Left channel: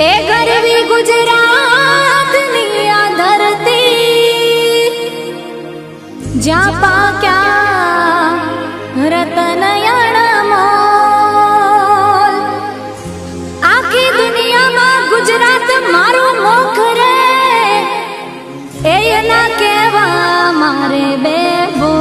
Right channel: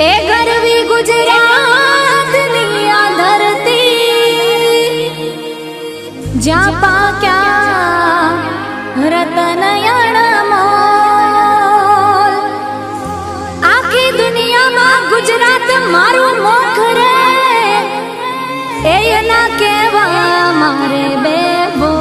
ए गरवी गुजरात निया धरती ज्या पाक्या रतन मोल आखी दुनिया में गुजरात मारू मोख रे ए ना केवा मारे बेबो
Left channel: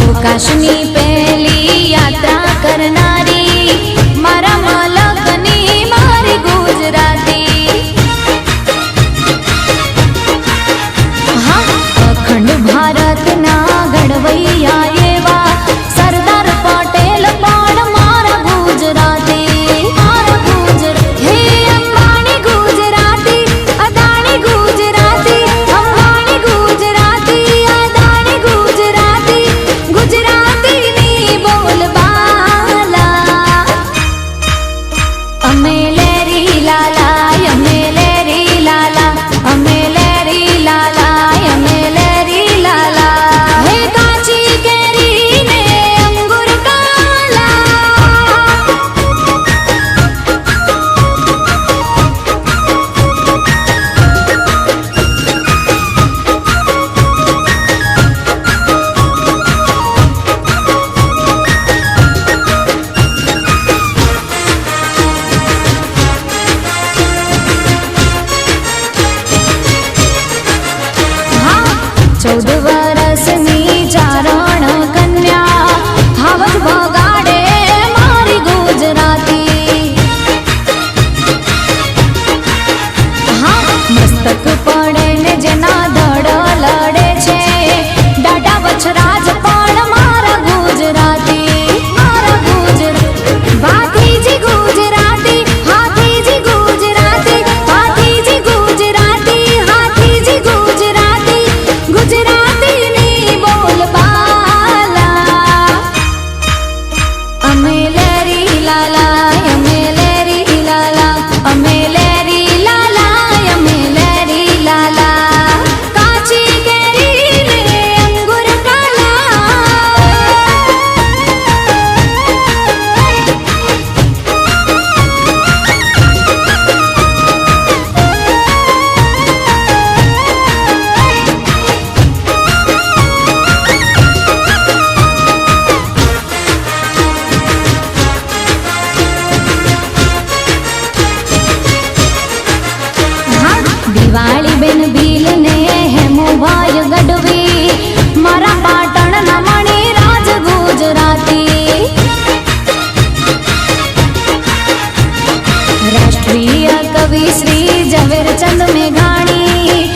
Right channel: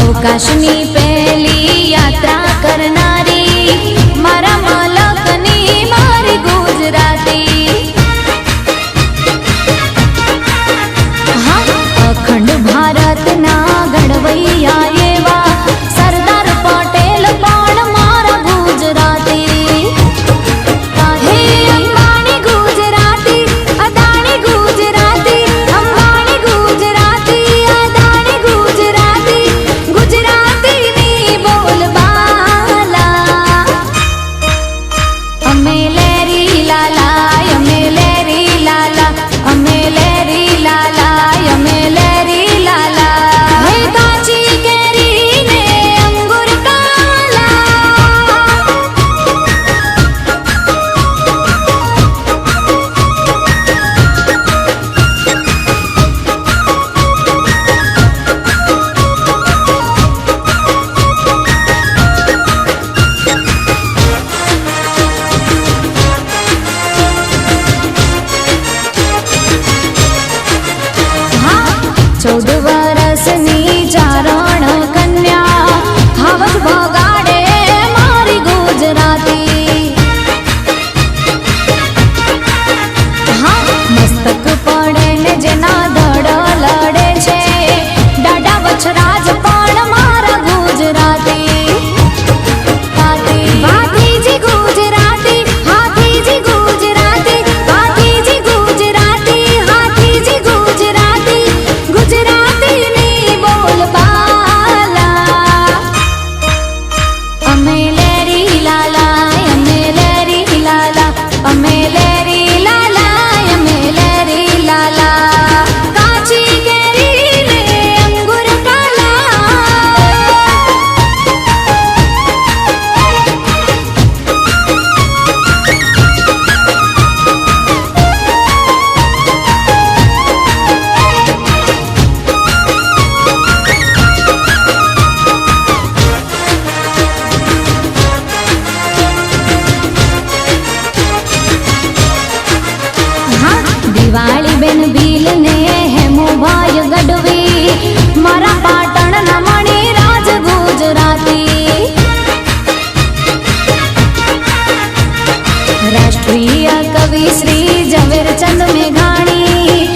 अवकाशनी पहली यात्रा करनारी मारा मालकनी मारी गुजराती हाँ अखंड भारत ना घड़वैया एवा सरदार पटेल पण मारा गुजराती हे अंबानी गुजराती अदानी गुजराती अंबानी गुजराती अदानी गुजराती गुजराती नी बोल बाला अमे लेरी लाला अमे लेरी लाला अमे लेरी लाला अमे लेरी लाला हे काची केरी ने अंगूर काला हाँ 14 वर्षनी चारण कन्या हावज भगाड़े मारी गुजराती हाँ मस्तक पड़े ने जेना धड़ लड़े छे डाडा वछराज पण मारा गुजराती भातीजी गुजराती हाथीजी गुजराती भातीजी गुजराती हाथीजी गुजराती गुजराती नी बोल बाला अमे लेरी लाला अमे लेरी लाला अमे लेरी लाला अमे लेरी लाला काची केरी ने अंगूर काला दिवाली बेन भील ने हेमू भाई गढ़वी मारा पाटण न मणि राज गुजराती राष्ट्रीय कवि श्री झवेरचंद मेघाणी